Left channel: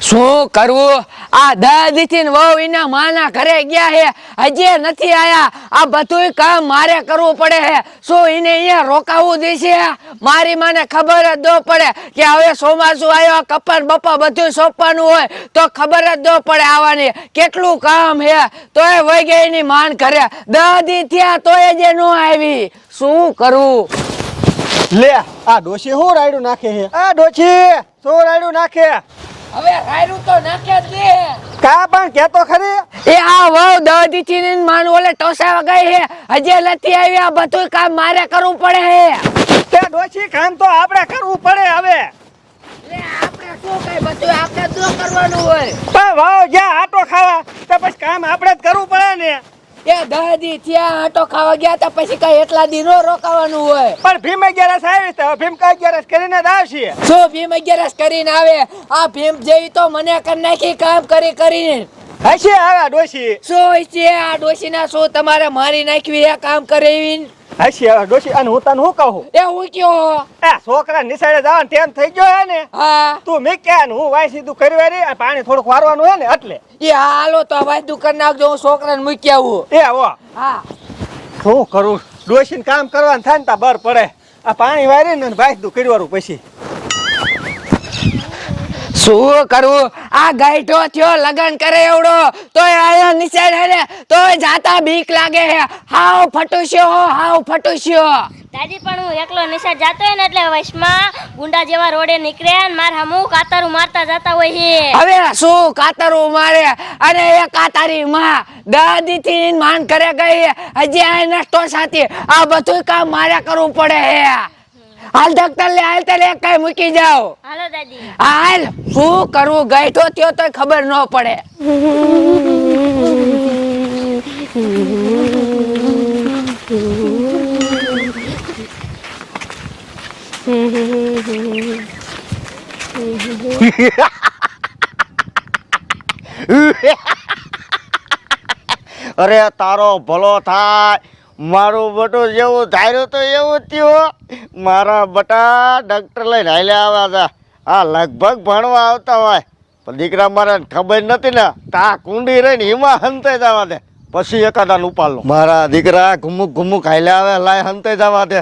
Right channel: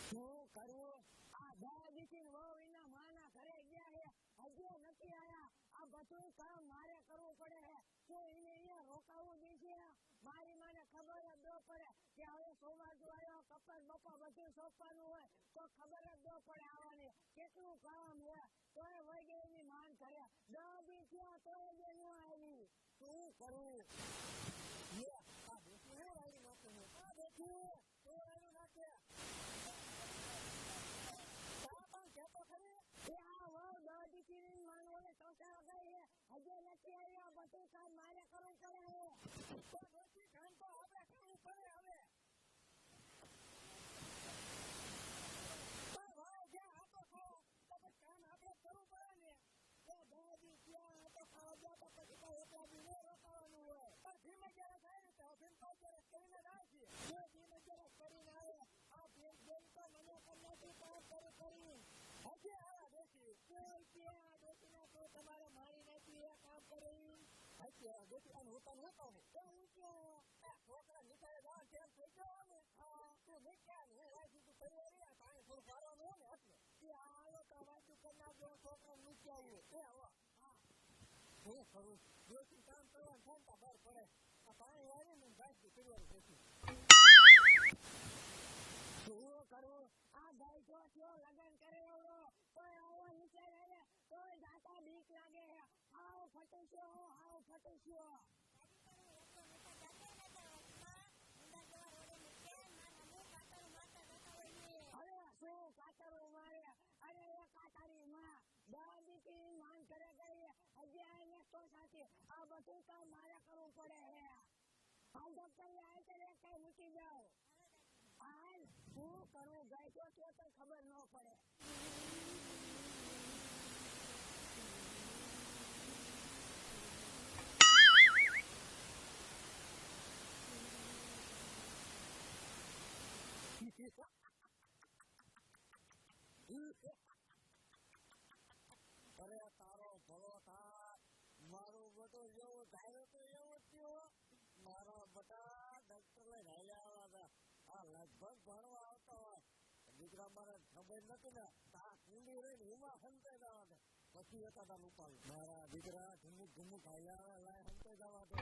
શું કરવું? આ દાદીથી ને વહુ એના માના ઘરે ગયા હે, હજી નથી આયા. આ બધું કામ મારે કરવું પડે હે. શું એને અહીંયા રોકાવું દેશે? મારી માને ખબર જ ન પડે કે હવે ચોમાસું આવ્યો, કપાસ બપા બધું સોંપવાનું હોય તો ખબર જ ન પડે આવવાની. કેટલું કામ હે, તોય વહી ગઈ એની માન ઘરે. દાદી થયા તોય જે ન આવી. શું કરવું? લે આ ડોશી હું રાયડું નાખે છે? આ ડોશી શું રાયડું નાખે? હવે રાયરું તો નાખે જ દે. કા પણ કેતો ખરી? એ આ વહુ દાદી થી ને માન ઓલે ટોસા વગાઈ હે, હજી નથી આવી. આ બધું કામ મારે કરવું પડે હે. તે ડોશી કામ તો આપણે કરવું પડે હવે. લે આપણે શું કઈ બધું આપણે જ કરવાનું હોય. પણ વાવ જ્યાં આટો ખાવા તો પછી કામ આપણે જ કરવું પડે ને. એ દાદી ત્યાં આટો ખાવા ગયા તો પછી કઈ એટલા દી નો રોકાવાનું હોય. પણ ભીમ 11 આવી તો ભીમ 11 કરીને જ આવશે. શું ભીમ 11 કરીને આવે? આ ભીમ જેવી તો મને કરી નાખી કામ કરી કરીને. હશે આવા ડોશી. શું છે આ ડોશીના? શું તમારે મારી નાખવી હે કામ કરેવીને? હશે આવા ડોશી. અને હું તને શું કહું? એ હું કયો? એ છોકરા નિસાડે જવાનું ટાઈમ થઈ ગયો હે ને. હા તું મીક્યા ને હું વાય સીધું કરી રે પાણી થોડુંક વારવાનું હે ને એટલે. એ હાલો તો વાયદું કરી નાખજો, હું છોકરાને મૂકી આવું. એ હો હા શું કરું? ડોશીને કામ કરવાનું થાય ને તા બર પડે. આ પાણી વારીને વાયદું કરવાનું પછી. શું કરવું? આ ગાઈઠો થયો લગન કરે એવડો તોય આયા નિશાળ હે ને તોય જાતા બીક લાગે હે. હાવ ફટુશ્યો, હાવ ફટુશ્યો. દાદી પણ હું એકલો નિશાળ જાતો હોય ને એટલે વશમાં ગુંડા જેવા રોડે નીકળે ને માર હમું કાતરું મારતા જતા હોય છે. હવે શું કાતરું મારે? અને એ કાતારી માં દાદી થી માન કરે ગઈ, હજી આ નસ્તો સાથી. આ બધું કામ મારે કરવું પડે હે. હાલ ડોક્ટર લે, હાલ તને એક કઈ મૂકી જાઓ. હાલો દાદી. હાલ શું કરવું? ગાઈઠો થયો તોય ખબર ન પડે. અરે તારો ભલો થાય. મારું બટું જેવું ધાર્યું તો એવું થયું. મારા બટા ડૉક્ટર લઈને હાલ્યા આવ્યા હતા. આ લગભગ ભણવા આવતા હોય પણ દીકરા મારે ખબર નથી ને તા કુંડી રહીને હિમા હંતાઈ જવા દે પછી એકાદાન ઉપાડલો. મારા દીકરા ઘુમુક ઘુમુક હાલ્યા આવે લાય હંતાઈ જવા દે.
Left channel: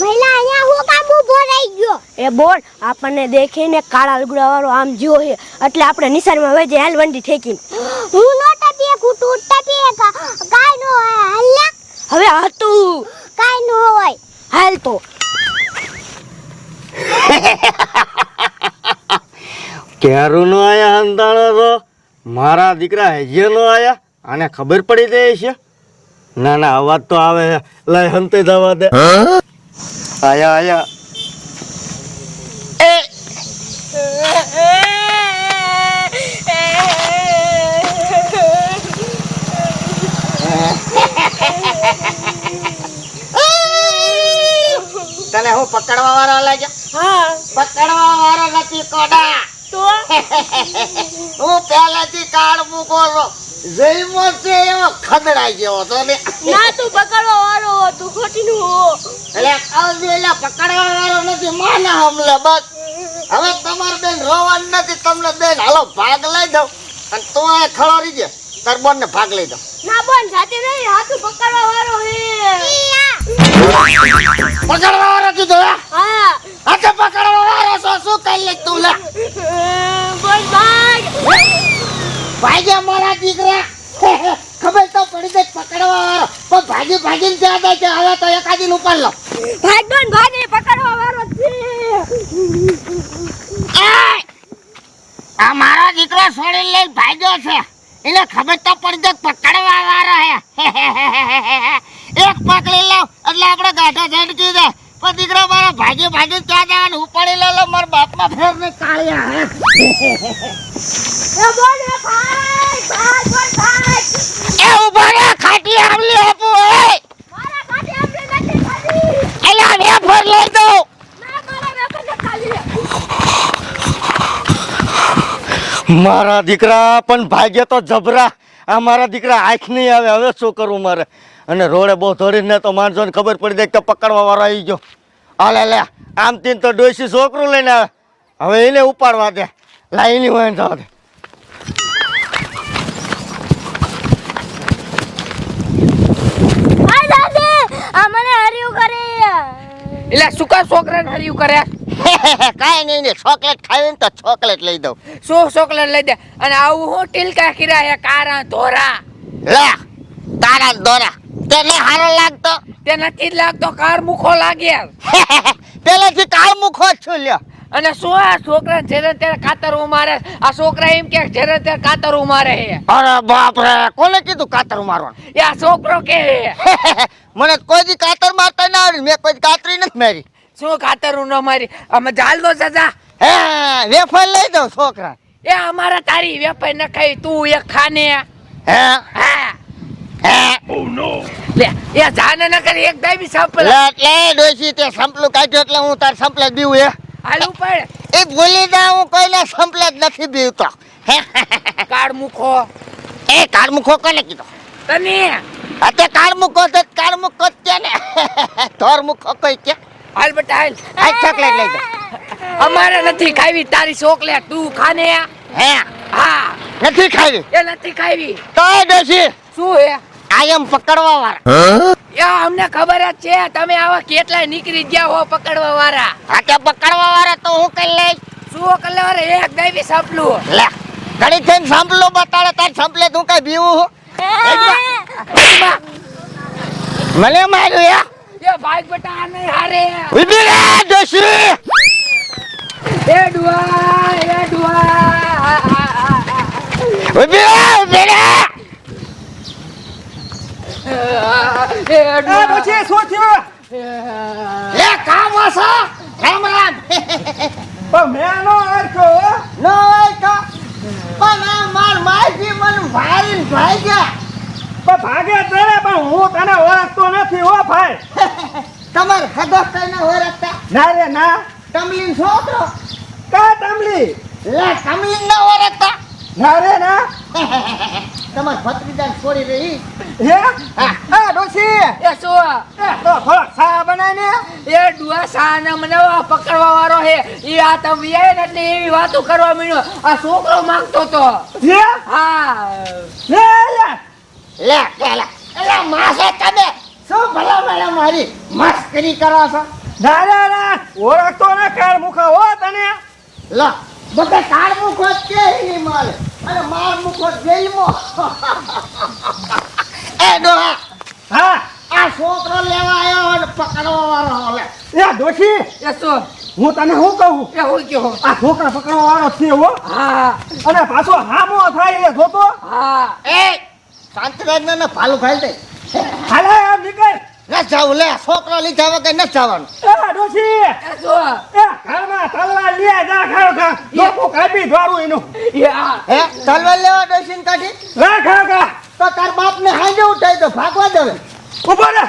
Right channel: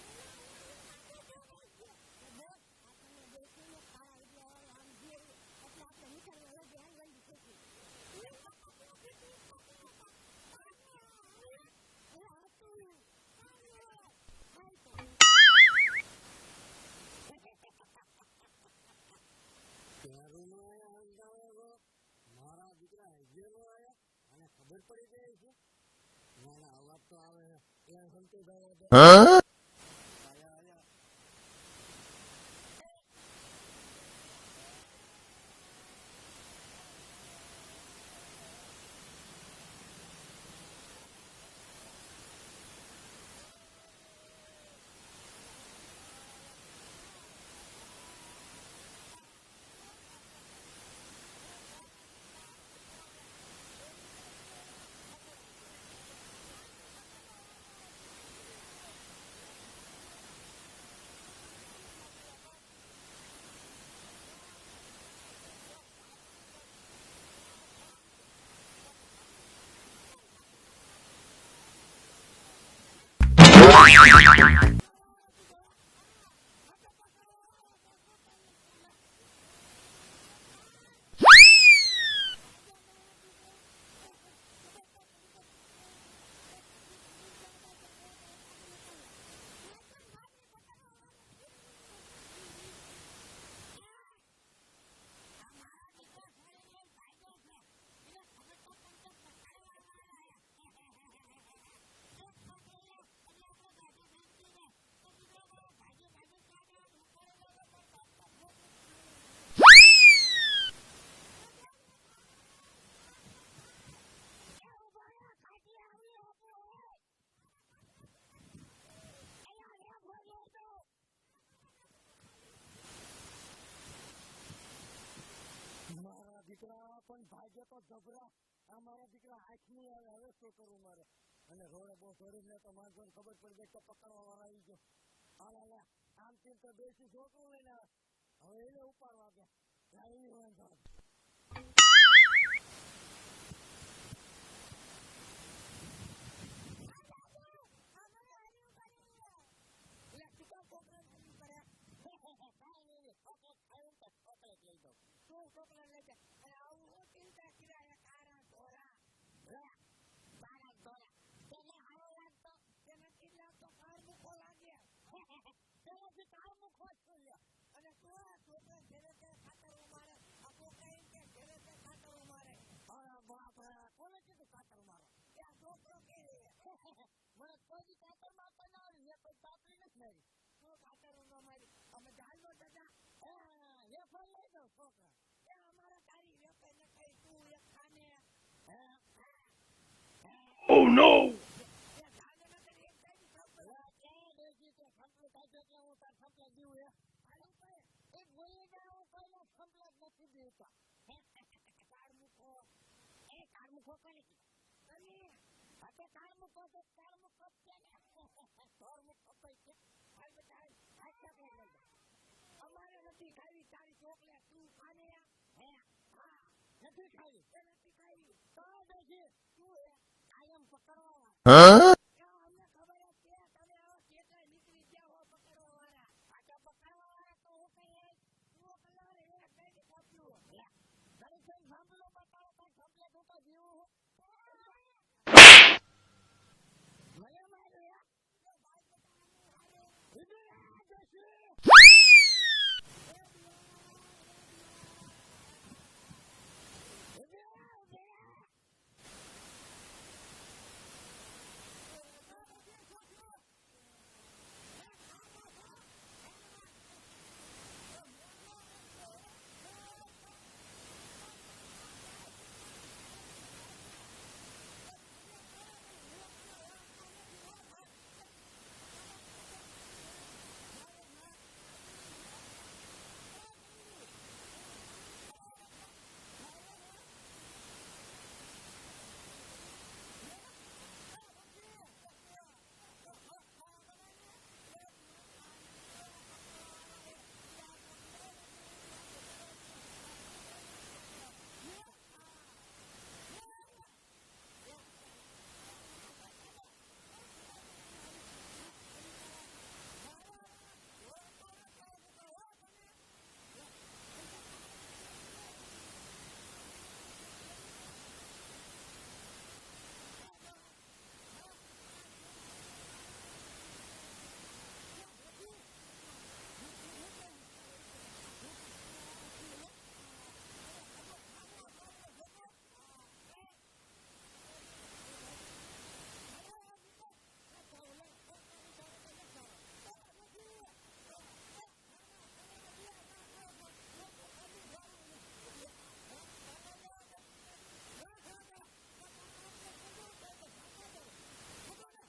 મહિલા અહીંયા હું કામ ઊભો રહી ગયો? એ બોલ આપણને દેખીને કાળા લુગડા વાળો આમ જો હે એટલે આપણે નિશાનમાં વઈ જાય. હાલ વંડી ઠેકીને. હું નો ટપીએ કુટુ ટપીએ કાઈ નો હાલ. હવે હતું કાઈ નો હોય. હાલ તો ક્યારું નો આયા હંતાણો તો મારા દીકરા હજે નો આયા. આને ખબર પડી જાય છે? ના ના અવાજ તો આવે છે. લાય હંતાઈ જવા દે. આયા આયા. તને હું પકડવા વાળો લાગ્યા? હા પકડવા વાળો નથી કોડા. તો હું પહેલાથી કાર્ડ મૂકો છો. જઈમો છે એવો ખદડાઈ ગયો તો ને. ના તું પકડવા વાળો તું ખોટીનું હો. એટલે કાવજીલા પકડવા વાળો નથી, માના હમલે બસ. હવે તમાર બેન રોવાનું નથી. તમને બેન હાલો ભાગ લઈ દઉં અને તું આ ખળો રહી જાય તાર બોન ને ભાગ લઈ દઉં. ના બોન જાતે નહીં, હાથું પકડવા વાળો હે. પકડવા વાળો કીધું હે? હા હાથે પકડવા વાળો છો શું કરી લે તું? લે બોલ ભાગ. ભાગ્યા મારા દીકરા. ખબર તો પડી જાય પકડવા વાળો પણ ભાગી ભાગીને ત્યાં દે છે. હવે તો એકાદીન ઉપર લો. ભાગ બોન ભાગ એ પકડવા વાળો છે. આ મારો દીકરો છોડી લઈને ભાગ્યો છે. એને ખબર તો પડી જાય પકડવા વાળો હે. એક પકડી લાવ એટલે આપણે ગાઢા ઝડકી જાય. પણ દીકરા મારા ભાગી ભાગી ક્યાં જવાનું? ઉપાડી લે મારા બાપમાં ફેર ને કાળિયા હે. એ બોલ એ ભાગ ભાગ બોલ ભાગ. એ ઉભા રે ખાટી આમલી આપું હે. મારા કાઢી આપણે નથી ખાલી. એલા ને ફર લઈ દઉં. ના મારા વેપર ને ખાલી. મારા દીકરા પણ ભાગ્ય તો જબરા. આ મારા દીકરા આંખ નહીં આવે. હવે શું કરવું મારે? અને રોડે બહુ ધોડીને તો માણસોને ખબર પડી જાય કે પકડવા વાળો આવી ગયો. આ લે લે આમ તીન તો ડોશી છોકરું લઈને આવે હવે એને ઉપાડવા દે લાઈની હોય જવા દે હાય દાદી આ મને હર્યું કરે એટલે શું કા છોકરાને હર્યું કરે કાંઈ નહીં ને ચોકલેટ ખાવી ને તો ચોકલેટ લઈ દઉં શું ચોકલેટ લઈ દે અને આવું હું ટીલકા કર્યા હે કારા ધોરા લે તારા દોરા તને હારો લાગતો તે નથી જ લાગતો કાર મુખો લાગે પેલેથી કાળ મુખો જ છું લ્યો અને શું આ છોકરા જેને ત્યારે કાતર મારે આ છોકરા એમ કે જેને ત્યારે કાતર મારે હે અરે બાપ રે કોને કીધું કાતર મારવાનું એ આ છોકરો કે મને કોઈ દી કાતર મારતા ના આવડ્યું મેં કોઈ દી કાતરી નથી મારી શું કાતર ન મારી અમે જાલ દો સજા હે વેફર લઈ દઉં છોકરા એ અમારા તારી વેપાઈ ન ખાઈ તું એક ખાને હે હા હે લે એ જાને ન કરી એક દાઈ બી સાંપલ લે ડોશી તે સંપલું કાઢ્યું એટલે હું તાર સંપલે જ બીવું હે હાલ ઉપર એ ભૂલી જા હું કોઈને સંપલે જ નથી બીવતો કાળ મુખો એ કાળ મુખો કોને કીધો તને અતે કાળ મુખો તો કાળ મુખો જ કે ને ધોર મુખો કોઈ કે હાલ બેટા હાલ આ ચોકલેટ લઈ જા અમારે નથી ખાવી તારી ચોકલેટ તું ખાને હે હા નથી ખાવી એ નથી ખાવી તો એ ડોશી શું હે આયમ પકડવા વાળા એ અમને ખબર જ છે તમે આવા કેટલાય નીકળી ગયા હો પકડવા વાળા આ કે પકડવા વાળા તો હું કઈ લઈ શું કલર એક દાવી સાંપલું લે ઘડી થઈને સાંભળો બતાડે તાર સંપલે તું કઈ બીવું હું મને માર્યું યા એ ભાઈ બેટા આ નહીં હારે ઉભી રે ડોશી એ ડુઆ ઉભી રે એ આ ડુઆ પછી શું થયું લે કામ વાસો રામ રામ પણ મેં નો આરખ્યો હો નો હોય તો પણ આ માર માજી મન ભાઈ ગયા પણ ભાગે તને પણ હું તને ઓળખતો નથી હો ભાઈ તમાર હદો કઈને ઓળખતા ના રે ના તમલીન છોકરો કા તમલી લે તમલીન ના ઓળખતા ના રે ના તમાર ભત્રીજાને છોડી રહી હે આ ડોશી એ શું તો થોડોક ચા બનાય ને એ ડુઆ સાના મને પકડવા વાળો હે ઈ આ તમે આય ને એટલે એવી વાતો કરવા મીણ્યો આ છોકરો માંગતો તો હે હા લે લે લે માસે તમે શું ભલા ભલા મારી મસ્કરી કરો છો ના રે ના ઓળખતો ને કાળ મુખા હો તને લો બધા કાળ મુખો જ કે ઈ માલ અને માર મુખો જેલમાં એ ડોહા હા આ છોકરો લેવા આવ્યો અને પકડવા વાળો લે એ ડોશી એ શું હું તને શું કહું એ હોય કે હો આ છોકરા પકડવા વાળો છે હો હા અને પાછો હામો થાય એ જોતો હા એ શાંતિરાજને ને ભાલું ખાઈ દે હાલે આમ નીકળ ન જાવું લે છોકરો લીધા વગર ન જવાનું એ ડોશી એ શું એ ઘરમાં તલવાર લે જા ખાવ ખા લોકો કાપી ધોરું એનું એ આ હે તલવાર લેવા ડોસીને કાઢી રા ખાવ ખા તો તાર બાપને હાંજે ઉઠાઈ દો ભાગવા દે ઉભો રે